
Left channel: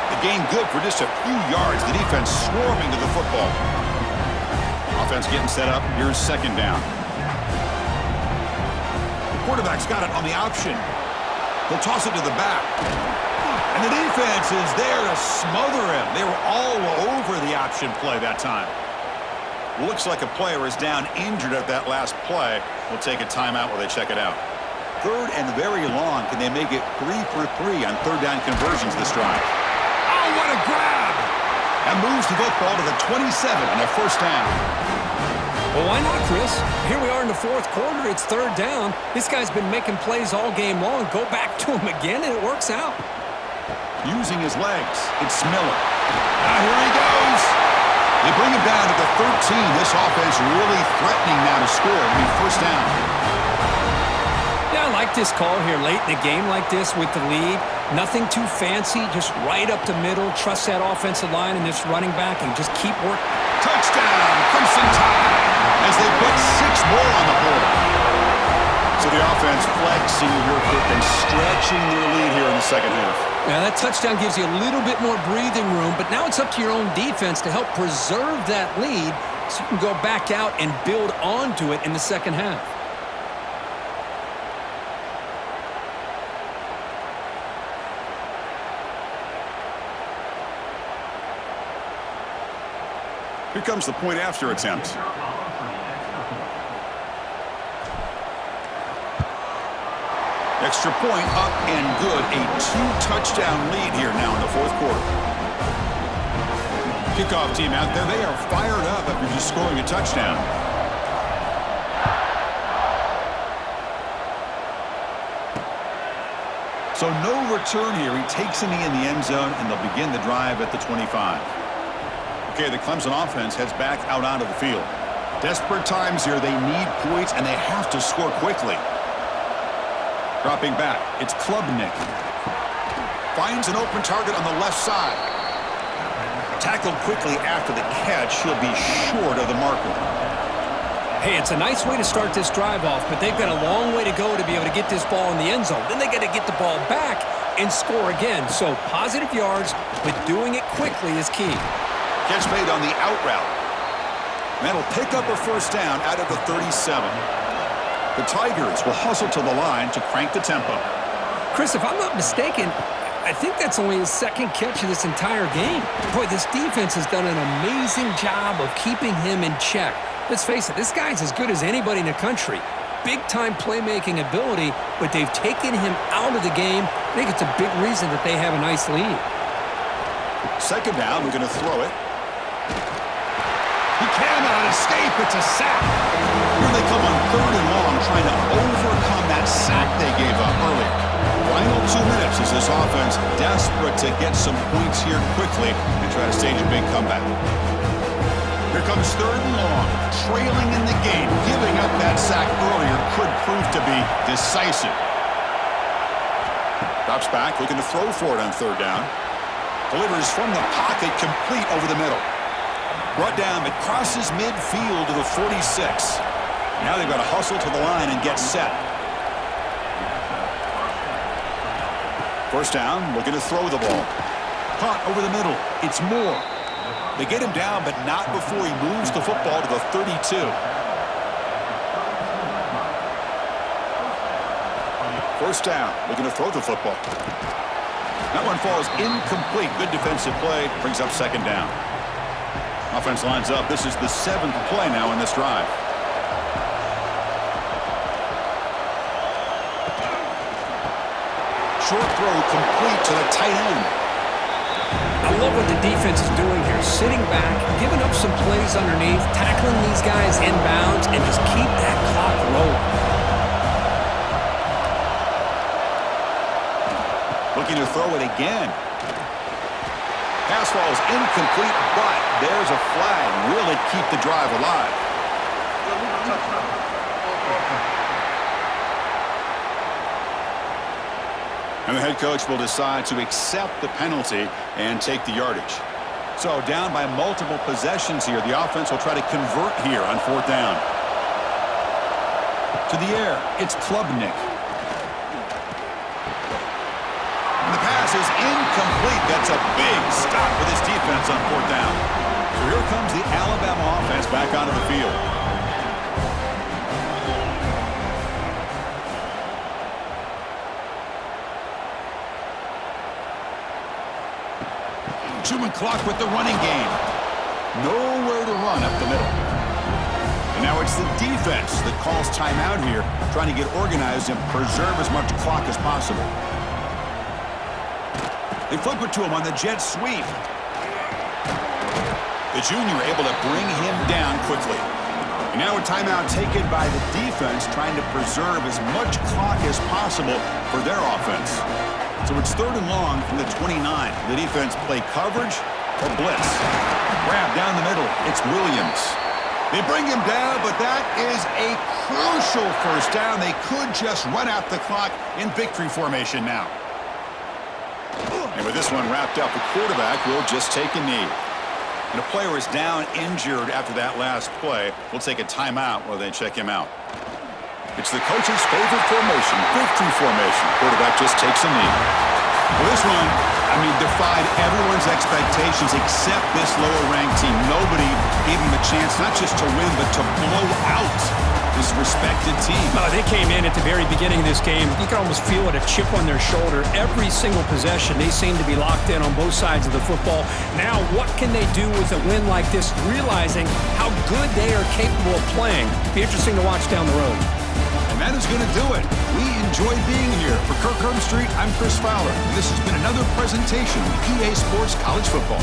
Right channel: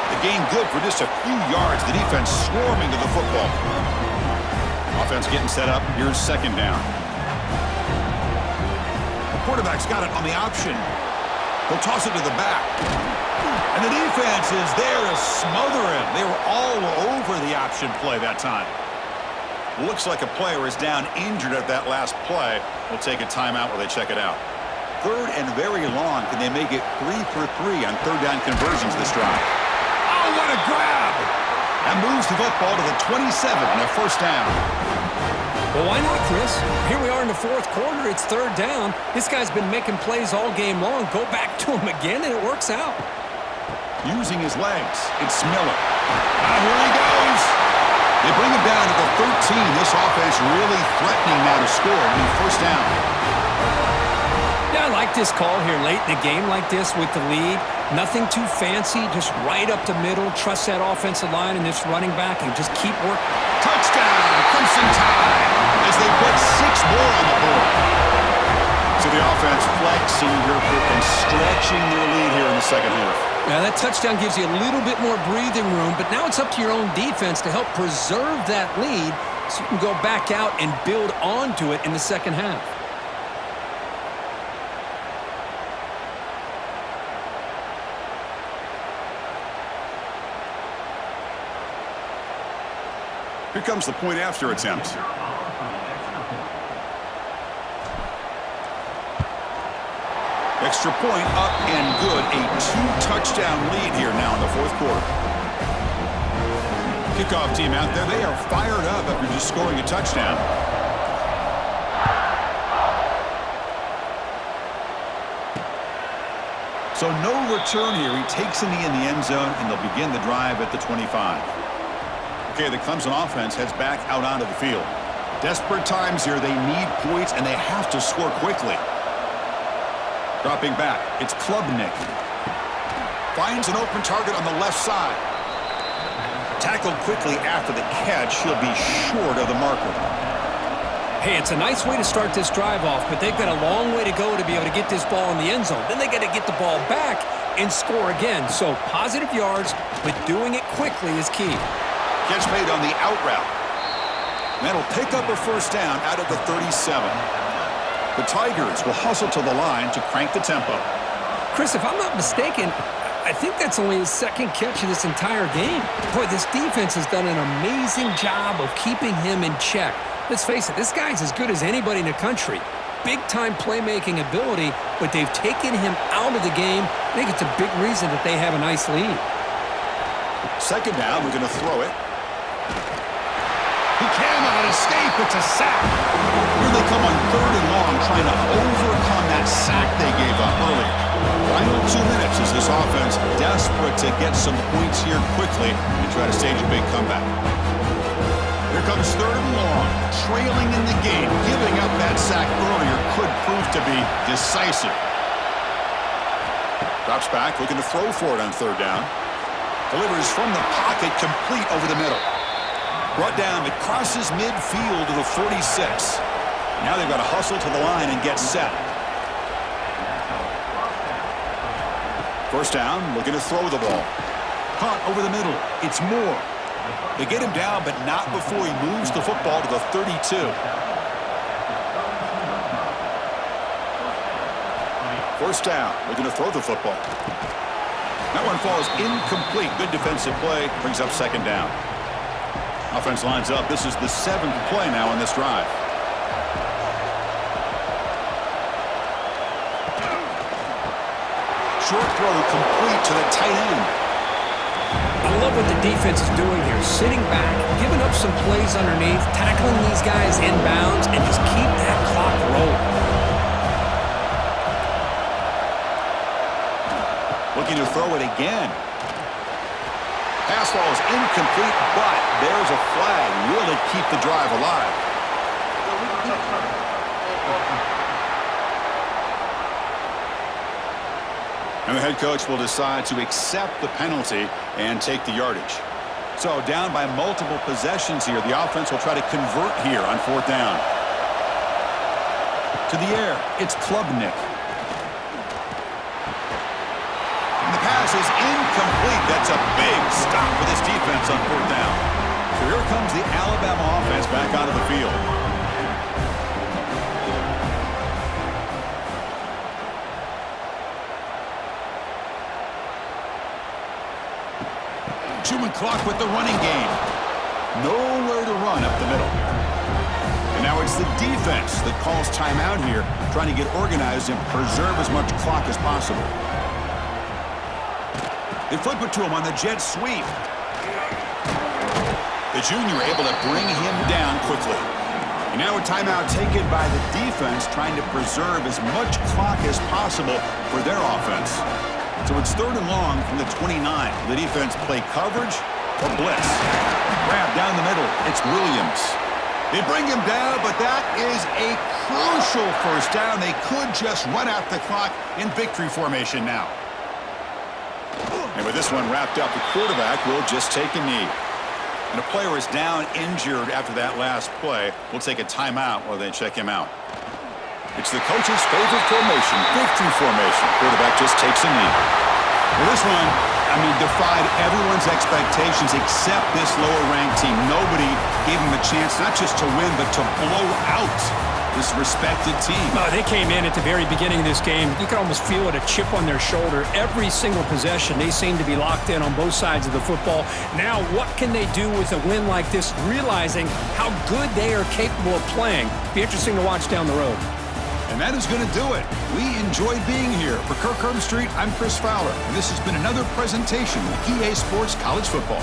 The gain good for just a few yards. The defense swarming to the football. Offense getting set up. Here's 2nd down. The quarterback's got it on the option. He'll toss it to the back. And the defense is there to smother him. They were all over the option play that time. Looks like a player is down injured at that last play. We'll take a timeout while they check it out. 3rd and very long. Can they make it 3 for 3 on third down conversions this drive? Oh, what a grab! And moves the football to the 27 and a 1st down. Well, why not, Chris? Here we are in the 4th quarter. It's third down. This guy's been making plays all game long. Go back to him again, and it works out. Using his legs, it's Miller. Here he goes. They bring him down to the 13. This offense really threatening now to score. It'll be 1st down. like this call here late in the game like this with the lead. Nothing too fancy, just right up the middle. Trust that offensive line and this running back and just keep working. Touchdown, Clemson Tide, as they put 6 more on the board. So the offense flexing here quick and stretching their lead here in the second half. Yeah, that touchdown gives you a little bit more breathing room, but now it's up to your own defense to help preserve that lead so you can go back out and build onto it in the second half. Here comes the point after attempt. Extra point up and good. A 2-touchdown lead here now in the fourth quarter. Kickoff team out there. They are fired up after just scoring a touchdown. So no return here. He takes a knee in the end zone, and they'll begin the drive at the 25. Okay, the Clemson offense heads back out onto the field. Desperate times here. They need points, and they have to score quickly. Dropping back, it's Klubnik. Finds an open target on the left side. Tackled quickly after the catch. He'll be short of the marker. Hey, it's a nice way to start this drive off, but they've got a long way to go to be able to get this ball in the end zone. Then they got to get the ball back and score again. So positive yards, but doing it quickly is key. Catch made on the out route. That'll pick up a first down out of the 37. The Tigers will hustle to the line to crank the tempo. Chris, if I'm not mistaken, I think that's only his second catch of this entire game. Boy, this defense has done an amazing job of keeping him in check. Let's face it, this guy's as good as anybody in the country. Big-time playmaking ability, but they've taken him out of the game. I think it's a big reason that they have a nice lead. Second down, we're going to throw it. He cannot escape. It's a sack. Here they come on 3rd and long, trying to overcome that sack they gave up earlier. Final 2 minutes as this offense desperate to get some points here quickly and try to stage a big comeback. Here comes 3rd and long, trailing in the game. Giving up that sack earlier could prove to be decisive. Drops back, looking to throw for it on 3rd down. Delivers from the pocket, complete over the middle. Brought down, but crosses midfield to the 46. Now they've got to hustle to the line and get set. First down, looking to throw the ball. Hunt over the middle. It's Moore. They get him down, but not before he moves the football to the 32. First down, looking to throw the football. That one falls incomplete. Good defensive play. Brings up second down. Offense lines up. This is the 7th play now in this drive. Short throw complete to the tight end. I love what the defense is doing here. Sitting back, giving up some plays underneath, tackling these guys inbounds, and just keep that clock rolling. Looking to throw it again. Pass ball is incomplete, but there's a flag. Will it keep the drive alive? And the head coach will decide to accept the penalty and take the yardage. So down by multiple possessions here. The offense will try to convert here on 4th down. To the air, it's Klubnik. And the pass is incomplete. That's a big stop for this defense on 4th down. So here comes the Alabama offense back onto the field. Human clock with the running game. Nowhere to run up the middle. And now it's the defense that calls timeout here, trying to get organized and preserve as much clock as possible. They flip it to him on the jet sweep. The junior able to bring him down quickly. And now a timeout taken by the defense, trying to preserve as much clock as possible for their offense. So it's 3rd and long from the 29. The defense play coverage or blitz. Grab down the middle. It's Williams. They bring him down, but that is a crucial first down. They could just run out the clock in victory formation now. And with this one wrapped up, the quarterback will just take a knee. And a player is down injured after that last play. We'll take a timeout while they check him out. It's the coach's favorite formation, victory formation. Quarterback just takes a knee. Well, this one, defied everyone's expectations except this lower-ranked team. Nobody gave them a chance not just to win, but to blow out this respected team. They came in at the very beginning of this game. You could almost feel it, a chip on their shoulder. Every single possession, they seem to be locked in on both sides of the football. Now, what can they do with a win like this, realizing how good they are capable of playing? Be interesting to watch down the road. And that is going to do it. We enjoyed being here. For Kirk Herbstreit, I'm Chris Fowler, and this has been another presentation of EA Sports College Football.